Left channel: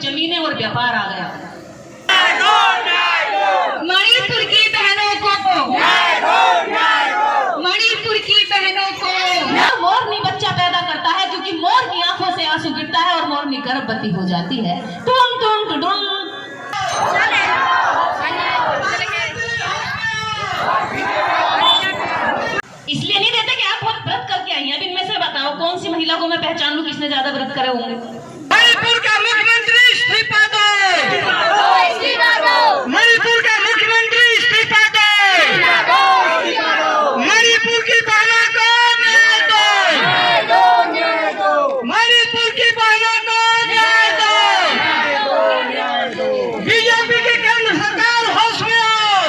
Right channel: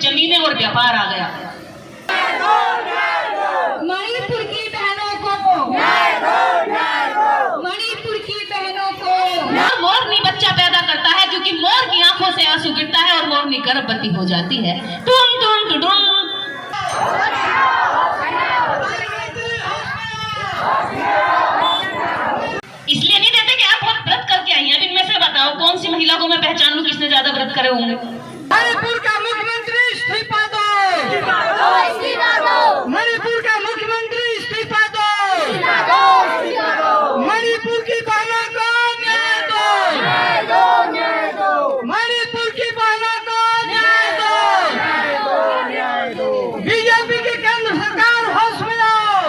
जमीनें और व्यापार आ गया। मणिपुर की बहनों को, मणिपुर की बहनों को मोरनी बच्चा पैदा करता है क्योंकि मोर की आंखों से आंसू गिरता है और मोरनी गर्भवती हो जाती है। टूम टूम टूम। इसलिए नहीं देते कि आप बहुत व्रत करके आई हैं। अब इनमें से बताओ कौन सी महिला को मैं पहचान लूं किसने ज्यादा व्रत करे होंगे। मणिपुर का मुख्यमंत्री इस्तीफा दो, मणिपुर का मुख्यमंत्री इस्तीफा दो, मणिपुर की बहनों को न्याय दो, मणिपुर की बहनों को न्याय दो। बीजेपी की केंद्र सरकार होश में आओ,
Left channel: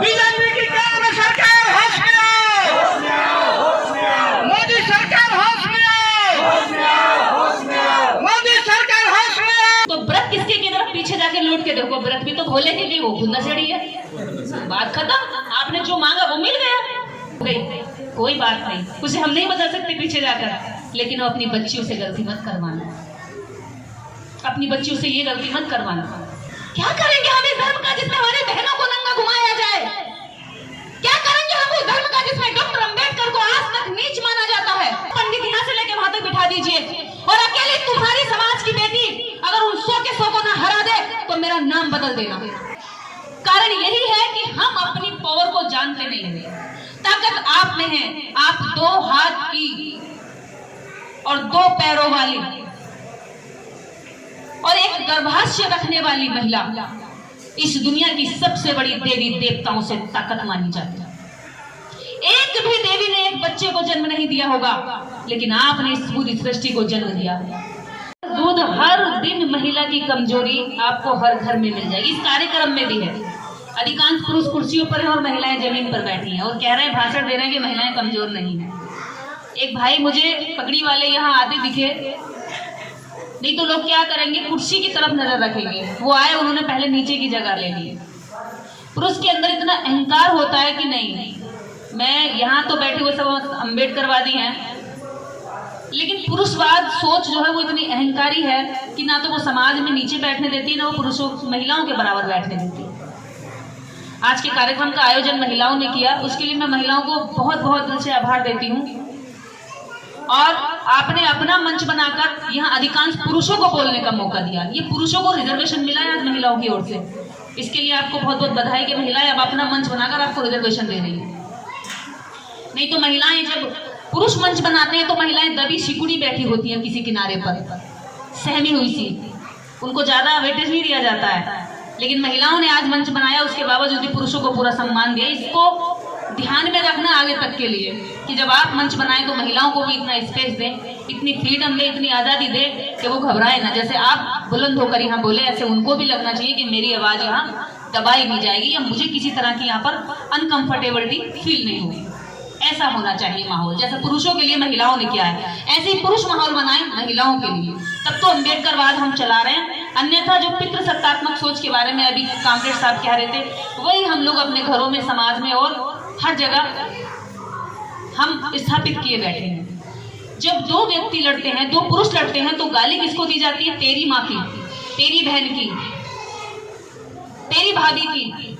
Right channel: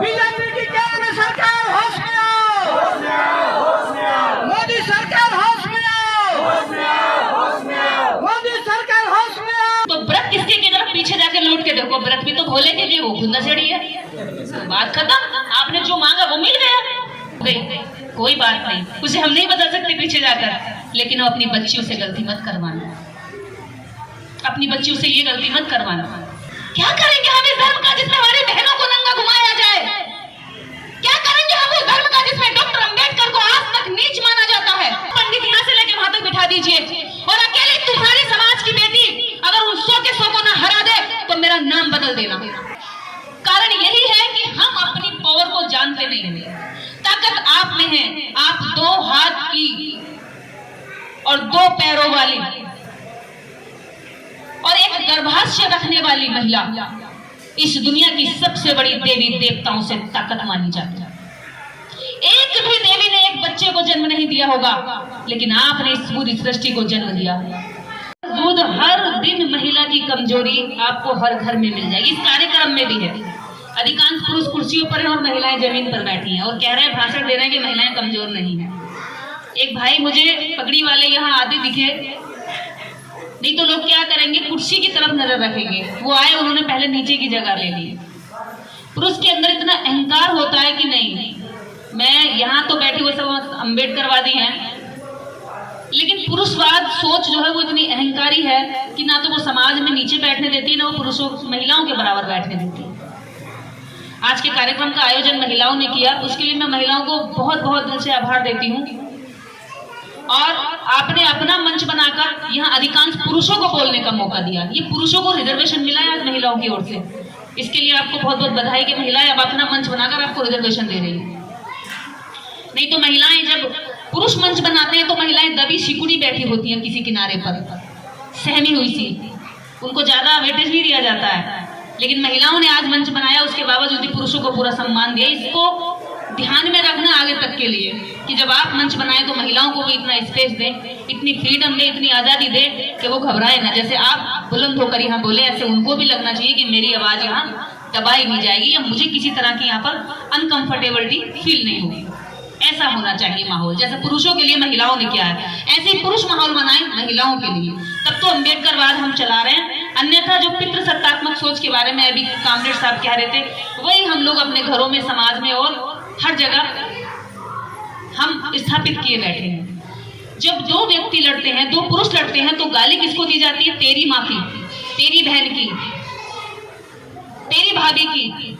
बीजेपी की केंद्र सरकार होश में आओ, मोदी सरकार होश में आओ, मोदी सरकार होश में आओ। तो व्रत किसके की तरफ पीछे जाके लौट के देखो, व्रत भी तो भोले के लिए, वो खुद नशेड़ी है। बात खत्म। आपने जो मांगा वो मिल गया। कोई बात नहीं, उसे हम नहीं बदल सकते पीछे जाकर, लेकिन वो अपनी बच्चियों से गलती मत करवाना, अपनी बच्चियों से ये गलती मत करवाना। क्या करेंगे हम इस धर्म का जिसमें हमारी बहनों को नंगा घुमाया जाए? क्या करेंगे हम उस धर्म का जिसमें डॉक्टर अंबेडकर को आज तक नीच माना जाता है? पंडित यहाँ से लेके वहां तक बिठा दीजिए और अकेले तुम्हारी समाज की बेटी अगर उन 100 के 100 को ना हरा दे तो मेरा नाम बदल देना। कारण यही है कि हम अपनी पावर को जानते नहीं हैं। ताकत आप में है। आप 2 हाथ की और 2 पैरों वाली और एक गर्भाशय रखने वाली महिला इस दुनिया की सबसे बड़ी देवी देवताओं से ताकत मानी जाती है। एक भी देवी ने एक बच्चे को जन्म नहीं दिया होगा, लेकिन आपने इस पूरी सृष्टि को जन्म दिया। दूध हर दिन महिला की कमजोरी आपको हर घर में मिल जाएगी। इस कार्यक्रम में भी है। अधिकांश पुरुष कुर्सियों पर हैं और महिलाएं जमीन पर बैठी हैं और कह रहे हैं, भाषण दे रहे हैं कि महिलाएं कमजोर नहीं है। एक भाई मुझे पगड़ी वाले यहाँ आते दिखे, नहीं तो लोग क्या करेंगे, कुर्सी की तरफ नजर रखेंगे। वो आए, उन्होंने पहले नीचे की जगह ले ली। पुरुष के अंदर इतना अहंकार होता है कि नहीं, मैं यहाँ तो बैठे हुए सब अम्बेडकरवादी हैं, लेकिन पुरुषवाद सोच जो है वो इतनी अहंकारी है कि ना तो वो समाज में नीचे बैठने देती है, ना वो पुरुषों महिलाओं के बराबर बैठने देती है। आज के कार्यक्रम का आयोजन महिलाओं ने किया, उसके लिए मैं महिलाओं को बहुत बहुत दिल से आभार देती हूँ। और आपने अपना मंच बनाकर यहाँ अधिकांश पुरुषों को बोलने का मौका दिया। ये पुरुषों को रिजर्वेशन मिला है आज महिलाओं की ओर से, इसके लिए आपको बहुत बहुत बधाई कि महिलाएं अब अपना मंच बनाकर आपको रिजर्वेशन दे रही है। नहीं तो महिलाएं जब पुरुष मंच बनाते हैं तो महिलाएं दबी सिकुड़ी बैठी होती हैं किसी किनारे पर, सहमी हुई सी, उनको ज्यादा वेटेज नहीं दिया जाता है। लेकिन महिलाओं ने आज मंच बनाया, उसके बावजूद भी पुरुषों को पूरा सम्मान दिया। इसको ध्यान में रखना आगे तक के लिए कि जब आप मंच बनाएं तो महिलाओं को भी इतना स्पेस दें, इतनी फ्रीडम दें, इतनी आज़ादी दें कि वो घबराए ना। जैसे आप बुलंद होकर यहाँ बोले, ऐसे उनको भी लगना चाहिए कि मेरी आवाज़ यहाँ दबाई नहीं जाएगी या मुझे किसी तरह की यहाँ पर अनकंफर्टेबिलिटी फील नहीं होगी। ऐसा होना चाहिए माहौल, जैसे पुरुषों के लिए महिलाओं ने किया है, ऐसे ही पुरुष माहौल बनाएं महिलाओं के लिए। तब तो अम्बेडकरवाद हम चला रहे हैं। अन्यथा जो पितृसत्तात्मक सोच के बारे में अभी कामरेड साहब कह रहे थे, वही हम लोग अपने घरों में, समाज में और हर जगह हम स्थापित किए बैठे हैं। जब 2 व्यक्ति लड़ते हैं, 2 पुरुष लड़ते हैं, तो गाली किसको दी जाती है? तेरी माँ की, तेरी बहन की, तेरी भाभी की।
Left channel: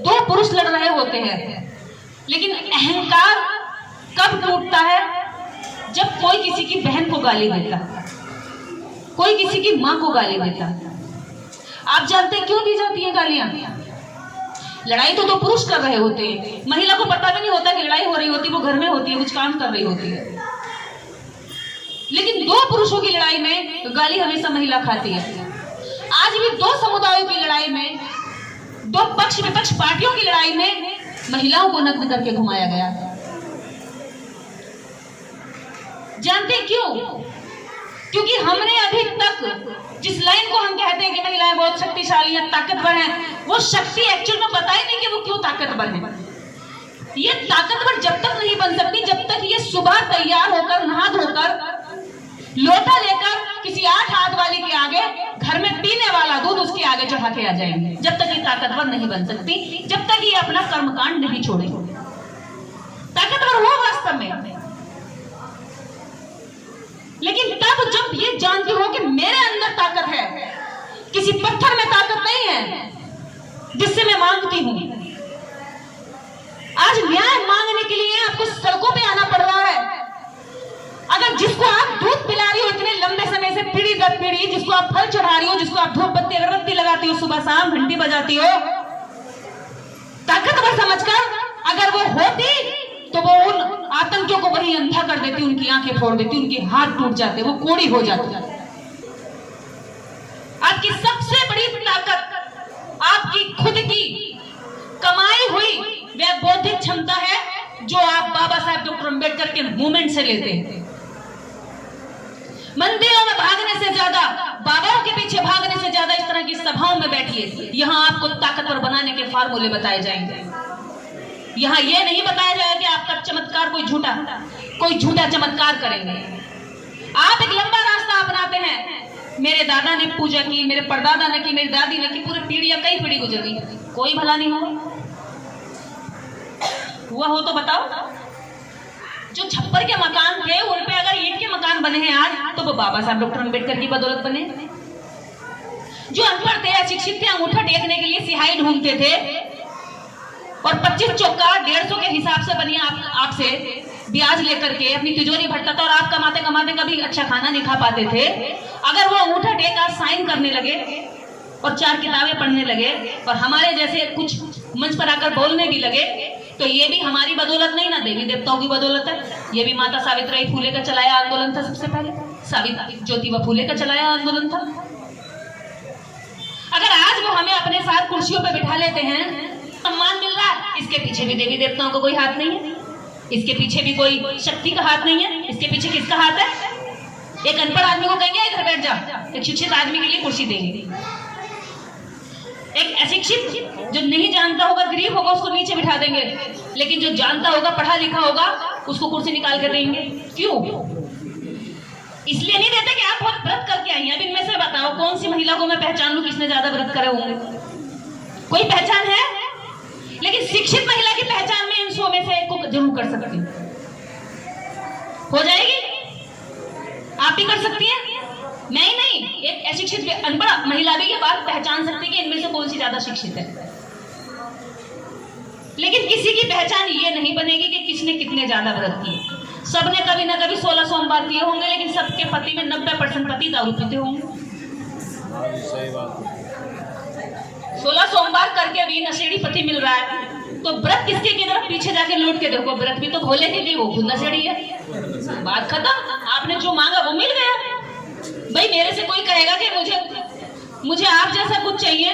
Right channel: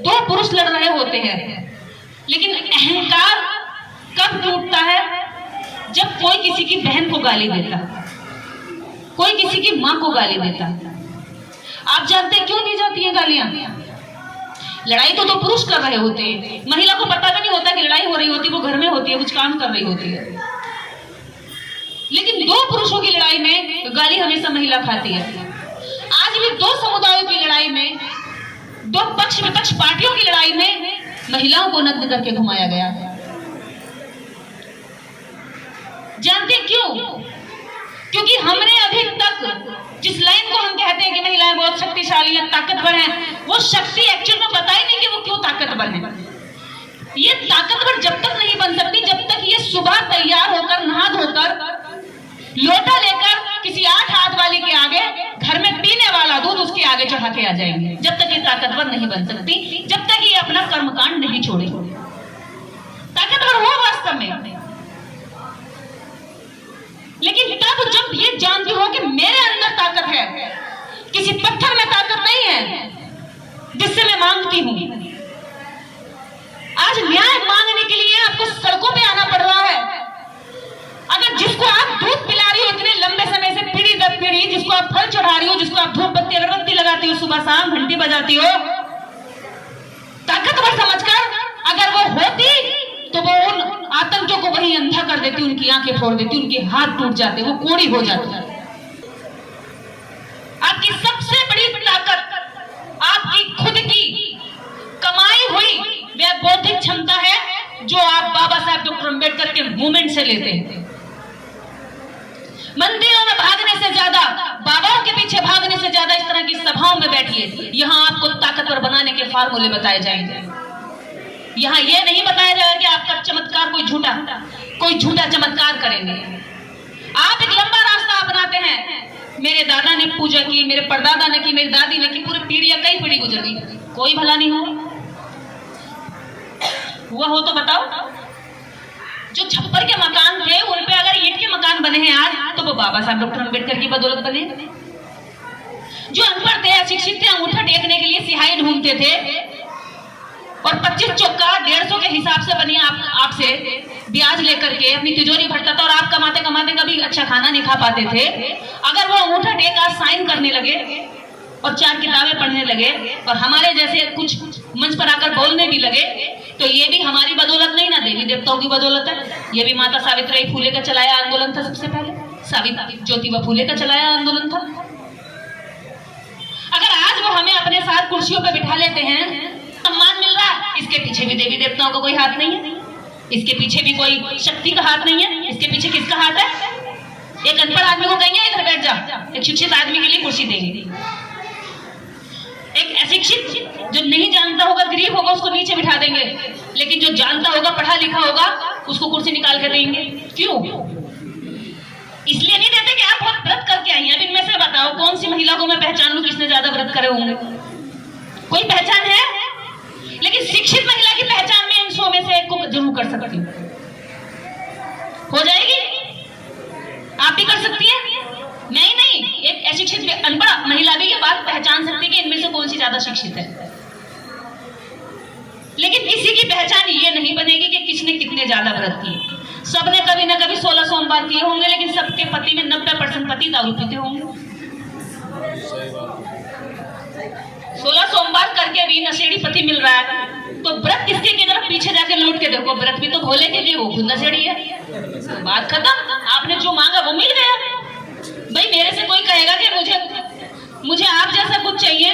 2 पुरुष लड़ रहे होते हैं, लेकिन अहंकार कब टूटता है? जब कोई किसी की बहन को गाली देता, कोई किसी की माँ को गाली देता। आप जानते हैं क्यों दी जाती है गालियां? लड़ाई तो 2 पुरुष कर रहे होते हैं, महिला को पता भी नहीं होता कि लड़ाई हो रही होती, वो घर में होती है, कुछ काम कर रही होती है। लेकिन 2 पुरुषों की लड़ाई में गाली हमेशा महिला खाती है। आज भी 2 समुदायों की लड़ाई में, 2 पक्ष विपक्ष पार्टियों की लड़ाई में महिलाओं को नग्न करके घुमाया गया। जानते क्यों? क्योंकि हमने अभी तक जिस लाइन को हम कहते हैं कि महिलाएं बहुत शक्तिशाली हैं, ताकतवर हैं, वो शक्ति एक्चुअल में पता ही नहीं कि वो क्यों ताकतवर है। ये ताकतवर जब तक नहीं बन सकती जब तक ये सुबह तैयार होकर, नहा धोकर, लोटा लेकर किसी 8 हाथ वाली के आगे घर में पीने वाला दूध उसके आगे चढ़ा के आ जाएंगे। जब तक ये ताकतवर नहीं बन सकती, जब तक ये अपना कर्मकांड नहीं छोड़े। ताकतवर हो वास्तव में लेकिन तब जब ये जानती हो कि मेरे अंदर ताकत है, किसी पत्थर में ताकत नहीं है जिससे मैं मांगती हूं। आज न्याय मांगने के लिए आपको सड़कों पे आना पड़ रहा है। अगर जिसको आप दूध पिला रही हो इतने लंबे समय से, पीढ़ी दर पीढ़ी, जिसको आप फल चढ़ा रही हो, जिसको आप धूप बत्ती अगरबत्ती लगाती हो, सुबह शाम घंटी बजाती हो, ताकतवर समझकर, अगर वो होती तो वो उन आतंकियों को वही अंधा कर देती, उनकी आंखें फोड़ देती, उनके हाथ टूट जाते, वो कोड़ी हो जाती। आपकी सबसे बड़ी ताकत आपकी खुद की कमाई हुई वह बौद्धिक क्षमता है जो आप बाबा साहब डॉक्टर अम्बेडकर के मूवमेंट से लेते हैं। मंदिरों में भागने से ज्यादा, बाबाओं के पीछे भागने से ज्यादा इस तरह की सभाओं में बैठिए, यहां आपको ताकतवर बनाने के फार्मूले बताए जाएंगे। यहां यह नहीं बताया जाएगा कि आपका चमत्कार कोई झूठा चमत्कार करेंगे। आप एक लंबा रास्ता अपनाते हैं। मेरे दादा ने पूजा की, मेरे परदादा ने की, मेरी दादी ने की, पूरी पीढ़ियां, कई पीढ़ी गुजरी, कोई भला नहीं हुआ हो तो बताओ। जो छप्पर के मकान थे उन पे अगर ईंट के मकान बने हैं आज, तो वो बाबा साहब डॉक्टर अम्बेडकर की बदौलत बने। जो अनपढ़ थे, अशिक्षित थे, अंगूठा टेकने के लिए सिहाई ढूंढते थे और 25 चौका 150 के हिसाब से बनी आपसे ब्याज लेकर के अपनी तिजोरी भरता था, और आप कमाते कमाते कभी अच्छा खाना नहीं खा पाते थे। अगर वो अंगूठा टेक आज साइन करने लगे और 4 किताबें पढ़ने लगे और हमारे जैसे कुछ मंच पर आकर बोलने भी लगे, तो ये भी हमारी बदौलत नहीं ना, देवी देवताओं की बदौलत है। ये भी माता सावित्रीबाई फूले का चलाया आंदोलन था। सबसे पहले सावित्री ज्योतिबा फूले का चलाया आंदोलन था। अगर आज वो हमें अपने साथ कुर्सियों पर बिठा लेते हैं, सम्मान मिल रहा है, इसके पीछे भी देवी देवताओं का कोई हाथ नहीं है, इसके पीछे भी कोई शक्ति का हाथ नहीं है। इसके पीछे किसका हाथ है? एक अनपढ़ आदमी को कहेंगे इधर बैठ जा, एक शिक्षित आदमी के लिए कुर्सी देंगे। एक अशिक्षित जो नहीं जानता होगा, गरीब होगा, उसको नीचे बिठा देंगे, लेकिन जो जानता होगा, पढ़ा लिखा होगा, उसको कुर्सी निकाल के देंगे। क्यों? इसलिए नहीं देते कि आप बहुत व्रत करके आई हैं। अब इनमें से बताओ कौन सी महिला को मैं पहचान लूं किसने ज्यादा व्रत करे होंगे? कोई पहचान है? लेकिन शिक्षित महिला की पहचान में इन 100 में से एक को जरूर कर सकती हूँ। हो जाएगी? आप भी कर सकती हैं? नहीं, एक अशिक्षित अनपढ़ महिला भी ये बात पहचान सकती है कि इनमें से कौन सी ज्यादा शिक्षित है। लेकिन किसी की पहचान ये नहीं बनेगी कि किसने कितने ज्यादा व्रत किए। सबने कभी ना कभी 16 सोमवार किए होंगे, लेकिन सबके पति में 90% पति दारू पीते होंगे। 16 सोमवार करके भी नशेड़ी पति मिल रहा है, तो व्रत किसके की तरफ पीछे जाके लौट के देखो, व्रत भी तो भोले के लिए, वो खुद नशेड़ी है। बात खत्म। आपने जो मांगा वो मिल गया। भाई मेरे से कोई कहेगा कि मुझे आप जैसा कुछ चाहिए,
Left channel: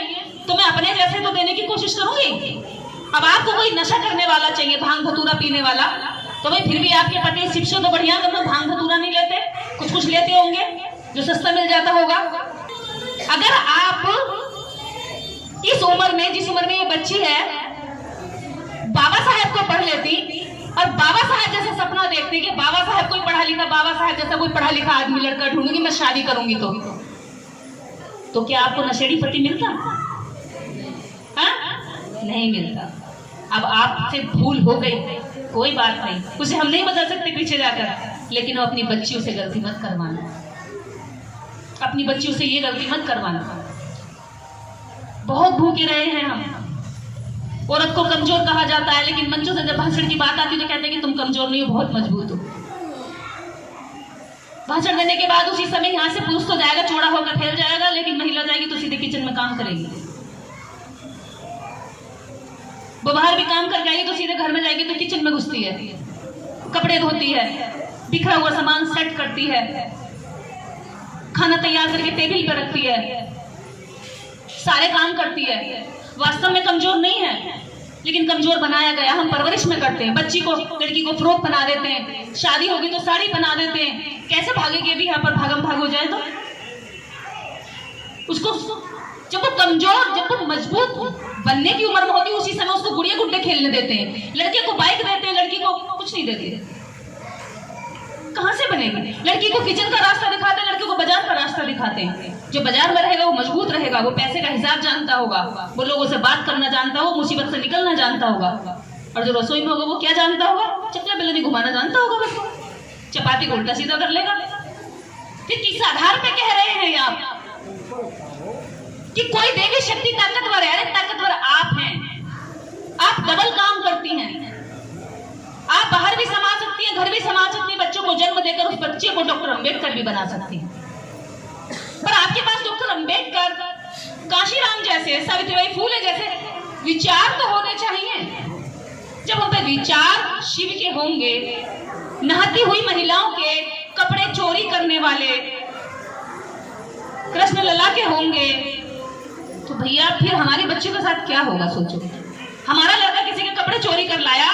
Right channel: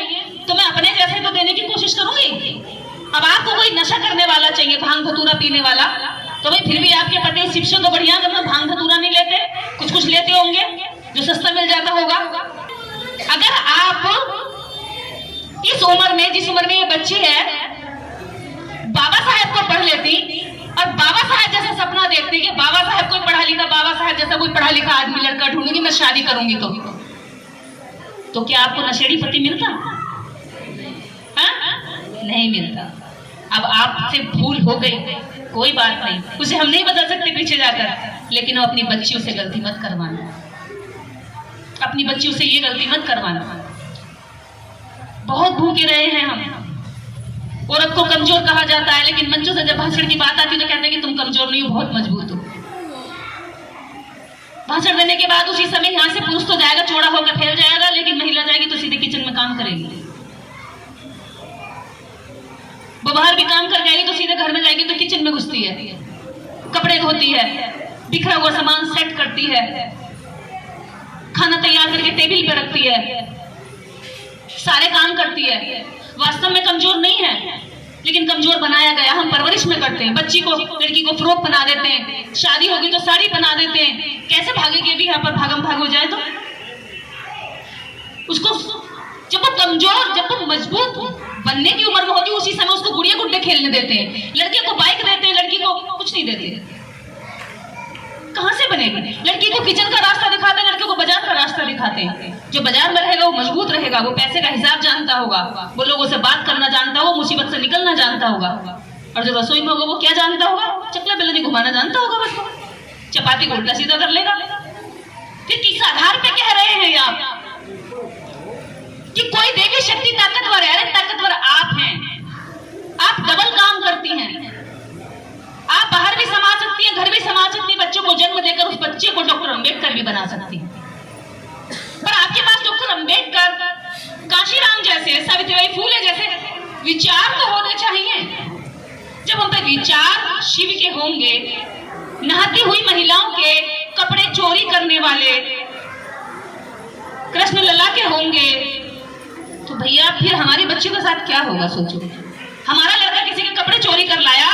तो मैं अपने जैसे तो देने की कोशिश करूंगी। अब आपको कोई नशा करने वाला चाहिए, भांग धतूरा पीने वाला, तो भाई फिर भी आपके पति शिक्षा तो बढ़िया, जब भांग धतूरा नहीं लेते, कुछ लेते होंगे जो सस्ता मिल जाता होगा। अगर आप इस उम्र में, जिस उम्र में ये बच्ची है, बाबा साहेब को पढ़ लेती और बाबा साहेब जैसा सपना देखती कि बाबा साहेब कोई पढ़ा लिखा, बाबा साहेब जैसा कोई पढ़ा लिखा आदमी लड़का ढूंढूंगी, मैं शादी करूंगी, तो क्या आपको नशेड़ी पति मिलता? हाँ? नहीं मिलता। अब आपसे भूल हो गई, कोई बात नहीं, उसे हम नहीं बदल सकते पीछे जाकर, लेकिन वो अपनी बच्चियों से गलती मत करवाना। अपनी बच्चियों से ये गलती मत करवाना। बहुत भूखे रहे हैं हम। औरत को कमजोर कहा जाता है, लेकिन मंचों से जब भाषण की बात आती है तो कहते हैं कि तुम कमजोर नहीं हो, बहुत मजबूत हो। भाषण देने के बाद उसी समय यहाँ से पुरुष तो जाएगा, चौड़ा होकर फैल जाएगा, लेकिन महिला जाएगी तो सीधे किचन में काम करेगी। वो बाहर भी काम कर जाएगी तो सीधे घर में जाएगी तो किचन में घुसती है, कपड़े धोती है, बिखरा हुआ सामान सेट करती है, खाना तैयार करके टेबल पर रखती है, सारे काम करती है। वास्तव में कमजोर नहीं है, लेकिन कमजोर बनाया गया। हम परवरिश में करते हैं, बच्ची को, लड़की को फ्रॉक बना देते हैं, शादी होगी तो साड़ी बना देते हैं। कैसे भागेगी अभी यहाँ पर भागम भाग हो जाए तो? उसको जब वो कमजोर, जब वो मजबूत बनने की उम्र में होती है, उसी समय उसको गुड़िया गुड्डे खेलने देते हैं। लड़के को बाइक देते हैं, लड़की को कुछ नहीं देते। कहां से बनेगी? लड़की को किचन का रास्ता दिखाते हैं, लड़के को बाजार का रास्ता दिखाते हैं। जो बाजार में रहेगा वो मजबूत रहेगा, वो पैसे का हिसाब जानता होगा, वो लोगों से बात करना जानता होगा, मुसीबत से निकलना जानता होगा। और जो रसोई में होगा वो क्या जानता होगा? चकला बेलनी घुमाना जानता होगा, बस चपाती को उल्टा सीधा कर लेगा। फिर किस आधार पे कह रहे हैं आप कि कोई देवी शक्ति ताकतवर है? अरे ताकतवर आप हैं। आप डबल काम करती हैं। आप बाहर भी समा सकती हैं, घर भी समा सकती हैं, बच्चों को जन्म देकर उस बच्चे को डॉक्टर अंबेडकर भी बना सकती हैं। पर आपके पास डॉक्टर अंबेडकर, काशीराम जैसे, सावित्रीबाई फूले जैसे विचार तो होने चाहिए। जब हम पे विचार शिव के होंगे, नहाती हुई महिलाओं के कपड़े चोरी करने वाले कृष्ण लला के होंगे, तो भैया फिर हमारे बच्चों के साथ क्या होगा? सोचो, हमारा लड़का किसी के कपड़े चोरी कर लाया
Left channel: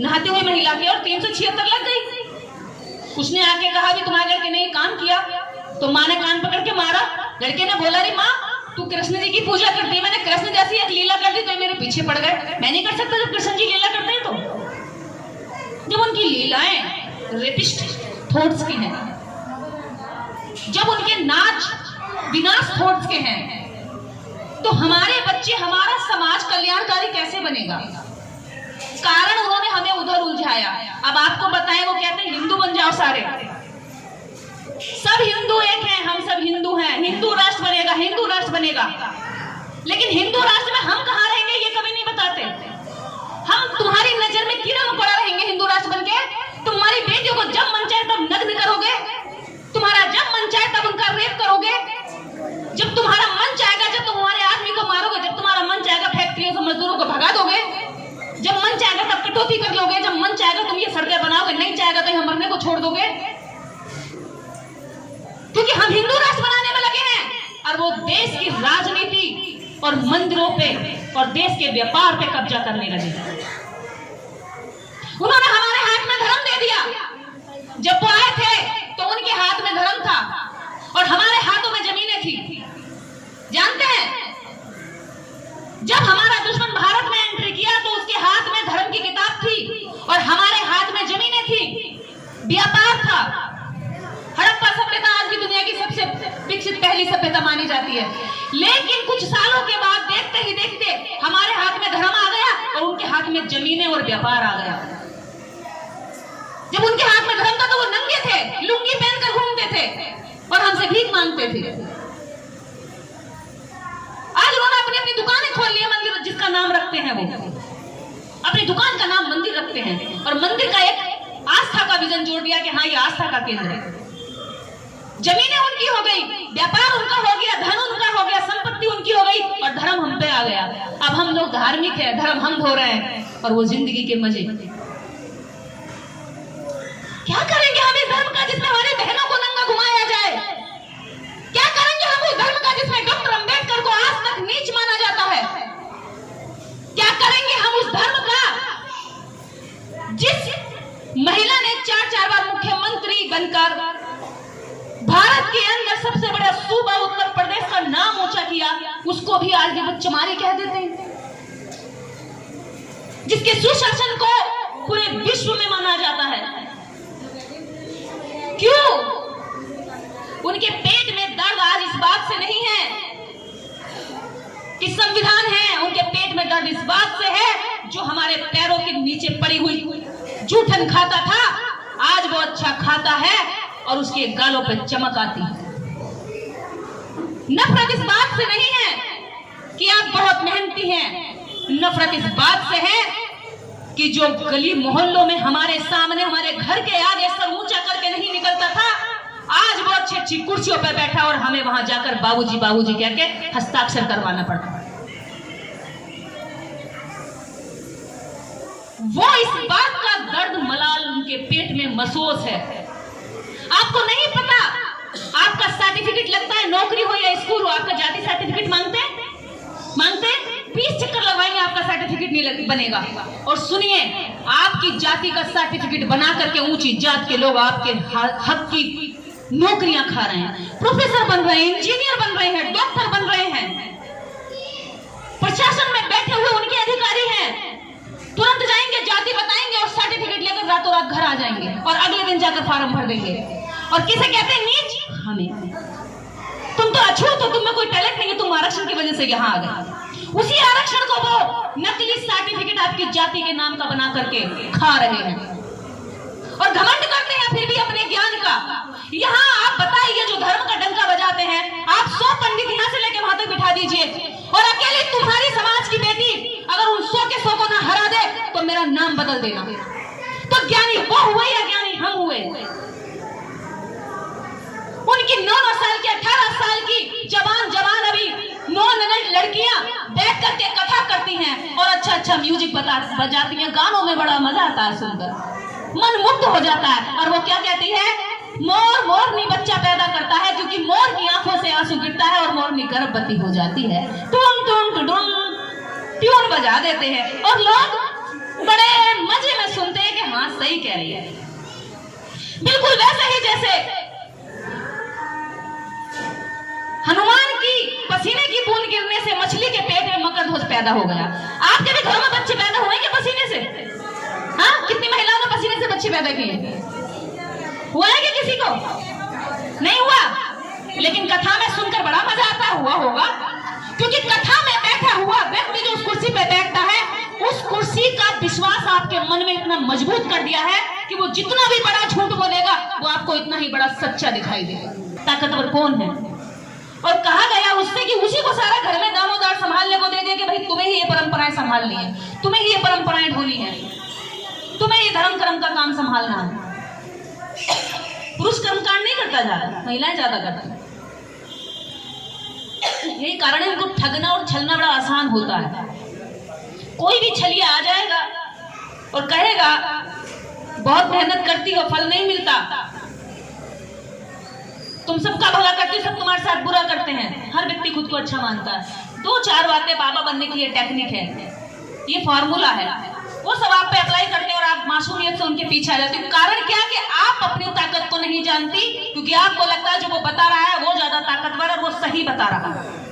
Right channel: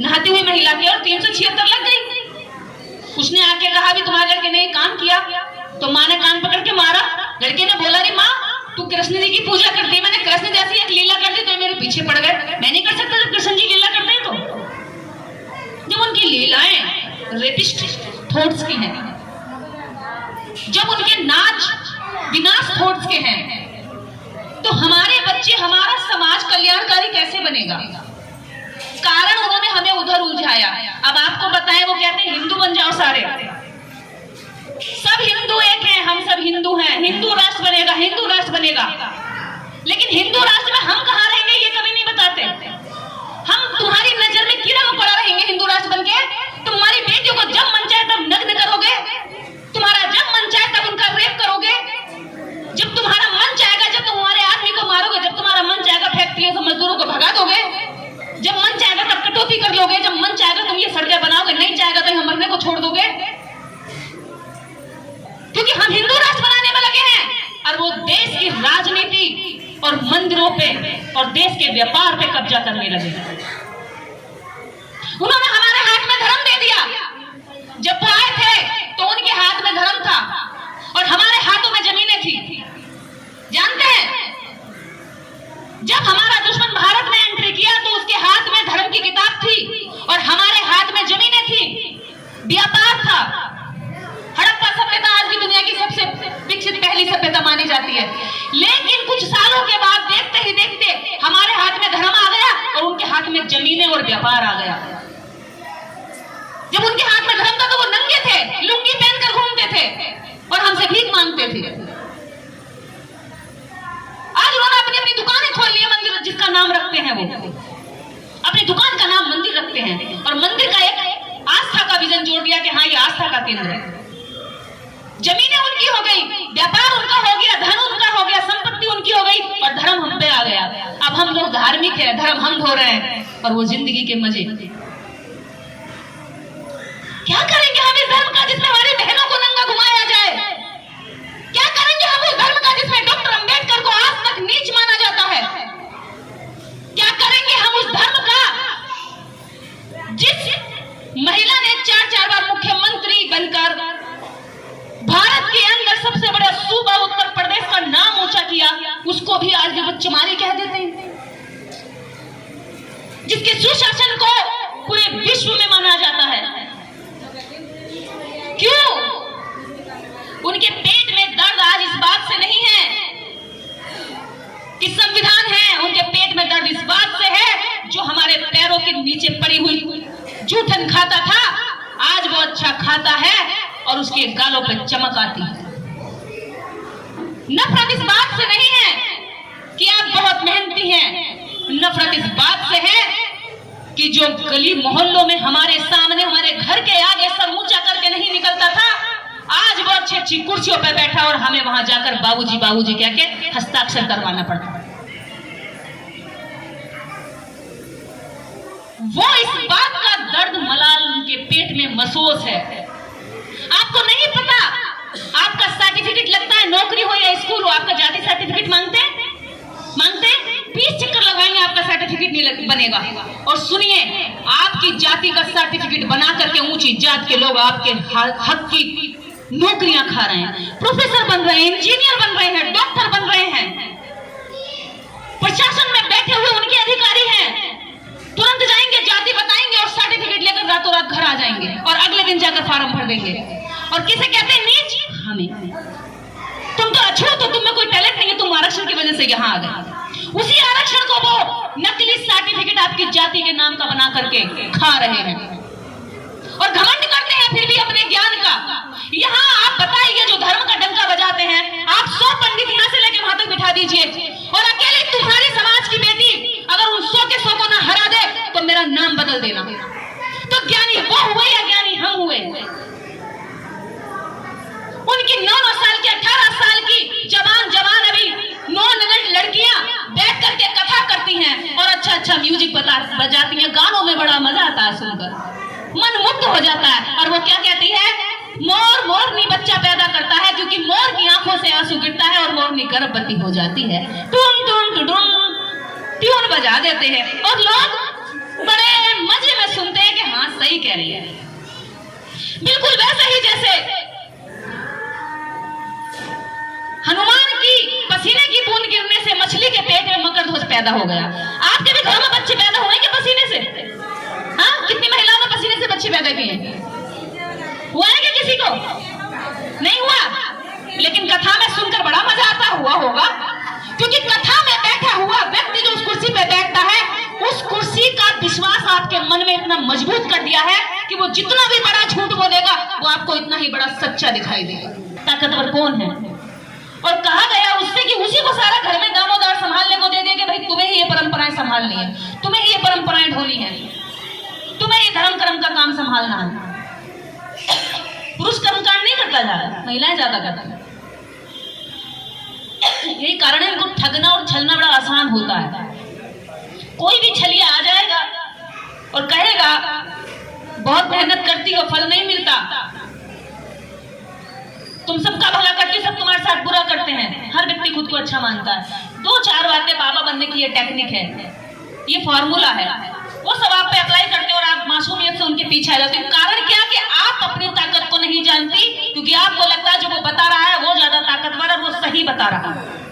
नहाती हुई महिला के, और 376 लग गई। उसने आके कहा भी तुम्हारे लड़के ने काम किया, तो माँ ने कान पकड़ के मारा। लड़के ने बोला, अरे माँ तू कृष्ण जी की पूजा करती, मैंने कृष्ण जैसी एक लीला कर दी तो मेरे पीछे पड़ गए। मैं नहीं कर सकता जब कृष्ण जी लीला करते हैं तो। जब उनकी लीलाएं रेपिस्ट थॉट्स की हैं, जब उनके नाच विनाश थॉट्स के हैं, तो हमारे बच्चे, हमारा समाज कल्याणकारी कैसे बनेगा? कारण उन्होंने हमें उधर उलझाया। अब आपको बताएं, वो कहते हैं हिंदू बन जाओ सारे, सब हिंदू एक हैं, हम सब हिंदू हैं, हिंदू राष्ट्र बनेगा, हिंदू राष्ट्र बनेगा। लेकिन हिंदू राष्ट्र में हम कहाँ रहेंगे ये कभी नहीं बताते। हम तुम्हारी नजर में कीड़ा मकोड़ा रहेंगे हिंदू राष्ट्र बनके। तुम्हारी बेटियों को जब मन चाहे तब नग्न करोगे, तुम्हारा जब मन चाहे तब उनका रेप करोगे, जब तुम्हारा मन चाहेगा जब तुम्हारे आदमी को मारोगे, जब तुम्हारा मन चाहेगा फैक्ट्रियों से मजदूरों को भगा दोगे, जब मन चाहेगा तब कटौती कर लोगे, जब मन चाहेगा तुम ये सड़कें बनाओगे, नहीं चाहेगा तो हम मरने को छोड़ दोगे। क्योंकि हम हिंदू राष्ट्र बनाने में लगे हैं, और वो देश की राजनीति और मंदिरों पे और देश के व्यापार पे कब्जा करने लगे। उन्होंने हमारे हाथ में धर्म दे दिया। जब वो आए थे तो उनके हाथ में धर्म था और हमारे हाथों में जमीनें थी। जानते हैं, जब हमारा दुश्मन भारत में एंट्री किया तो उसके हाथ में धर्म की किताब थी और हमारे हाथ में जमीनें थी, व्यापार था। हड़प्पा सभ्यता आज भी दुनिया की सबसे विकसित पहली सभ्यता मानी जाती है। लेकिन कुछ सालों के बाद देखते ही देखते हमारे हाथ में धर्म आ गया और उनके हाथ में जमीनें और व्यापार आ गया। जब उनके हाथ में धर्म था तो वो नंगे थे, लुंगी पहनकर घूमते थे और हमसे भीख मांगते थे। आज उन्होंने अपनी अपनी दुकानें खोल ली है, मंदिर जिसका नाम रखते हैं, वो अपनी दुकान का नाम मंदिर रखते हैं और मंदिर का एक आस्था का विजन जोड़ दिया कि हाँ ये आस्था का केंद्र है। जमीनें उनकी हो गई, व्यापार उनका हो गया, धन उनका हो गया, संपत्ति उनकी हो गई और धर्म हम पे आ गया। अब हम लोग धार्मिक है, धर्म हम ढो रहे हैं और वो जिंदगी के मजे। क्या करेंगे हम इस धर्म का जिसमें हमारी बहनों को नंगा घुमाया जाए? क्या करेंगे हम उस धर्म का जिसमें डॉक्टर अंबेडकर को आज तक नीच माना जाता है? क्या करेंगे हम उस धर्म का जिस महिला ने 4 बार मुख्यमंत्री बनकर भारत के अंदर सबसे बड़ा सूबा उत्तर प्रदेश का नाम ऊंचा किया, उसको भी आज भी बच्चेमारी कह देते हैं। जिसके सुशासन को पूरे विश्व में माना जाता है। क्यों? उनके पेट में दर्द आज इस बात से नहीं है कि संविधान है, उनके पेट में दर्द इस बात से है जो हमारे पैरों के नीचे पड़ी हुई जूठन खाता था, आज वो अच्छा खाता है और उसके गालों पे चमक आती है। नफरत इस बात से नहीं है कि आप बहुत मेहनती हैं, नफरत इस बात से है कि जो गली मोहल्लों में हमारे सामने, हमारे घर के आगे सर ऊंचा करके नहीं निकलता था, आज वो अच्छी अच्छी कुर्सियों पर बैठा और हमें वहां जाकर बाबूजी बाबूजी कह के हस्ताक्षर करवाना पड़ता। वो इस बात का दर्द मलाल उनके पेट में महसूस है। आपको नहीं पता, आपका सर्टिफिकेट लगता है, नौकरी हो या स्कूल हो, आपका जाति सर्टिफिकेट मांगते हैं 20 चक्कर लगवाएंगे, आपका सर्टिफिकेट नहीं बनेगा। और सुनिए, आपकी जाति का सर्टिफिकेट बना करके ऊंची जात के लोग आपके हक की नौकरियां खा रहे हैं, प्रोफेसर बन रहे हैं, इंजीनियर बन रहे हैं, डॉक्टर बन रहे हैं, प्रशासन में बैठे हुए उनके अधिकारी हैं, तुरंत जाएंगे, जाति बताएंगे और सर्टिफिकेट लेकर रातों रात घर आ जाएंगे और अगले दिन जाकर फॉर्म भर देंगे। और किसे कहते हैं नीच? हमें। तुम तो अच्छे हो, तो तुम में कोई टैलेंट नहीं है, तुम आरक्षण की वजह से यहाँ आ गए। उसी आरक्षण को वो नकली सर्टिफिकेट आपकी जाति के नाम का बना करके खा रहे हैं और घमंड करते हैं फिर भी अपने ज्ञान का। यहाँ आप कि 9-9 साल की 18 साल की जवान अभी नौनिगढ़ लड़कियां बैठ करके कथा करती हैं और अच्छा म्यूजिक बजाती हैं, गानों में बड़ा मजा आता है सुनकर, मन मुग्ध हो जाता है। और वो क्या कहती है, मोरनी बच्चा पैदा करता है क्योंकि मोर की आंखों से आंसू गिरता है और मोरनी गर्भवती हो जाती है। टून टून टून ट्यून बजा देते हैं और लोग बड़े मजे में सुनते हैं कि हाँ सही कह रही है। बिल्कुल वैसे ही जैसे हनुमान की पसीने की बूंद गिरने से मछली के पेट में मकरध्वज पैदा हो गया। आपके भी घरों में बच्चे पैदा हुए क्या पसीने से? हाँ, कितनी महिलाओं ने पसीने से बच्चे पैदा किए? हुआ है क्या किसी को? नहीं हुआ, लेकिन कथा में सुनकर बड़ा मजा आता हुआ होगा, क्योंकि कथा में बैठा हुआ व्यक्ति जो उस कुर्सी पे बैठता है, उस कुर्सी का विश्वास आपके मन में इतना मजबूत कर दिया है कि वो जितना भी बड़ा झूठ बोलेगा वो आपको इतना ही बड़ा सच्चा दिखाई देगा। ताकतवर कौन है? और कहा गया उससे कि उसी को सारा घर में दामोदार संभालने को देंगे कि भाई तुम्हें ही ये परंपराएं संभालनी है, तुम्हें ही ये परंपराएं ढोनी है, तुम्हें ही धर्म कर्म का काम संभालना है। पुरुष कर्मकांड नहीं करता ज्यादा, महिलाएं ज्यादा करती हैं। यही कारण है इनको ठगना और छलना बड़ा आसान होता है। कोई भी छलिया आ जाएगा और कहेगा बहुत मेहनत करती हो, फल नहीं मिलता, तुम सबका भला करती हो, सब तुम्हारे साथ बुरा करते हैं। हर व्यक्ति खुद को अच्छा मानता है। 2-4 बातें बाबा बनने की ये टेक्निक है, ये फॉर्मूला है, वो सब आप पे अप्लाई करते हो और आप मासूमियत से उनके पीछे आ जाते हो। कारण क्या कि आप अपनी ताकत को नहीं जानती, क्योंकि आपको लगता है जो वो बता रहा है वो ज्यादा ताकतवर है, वो सही बता रहा है।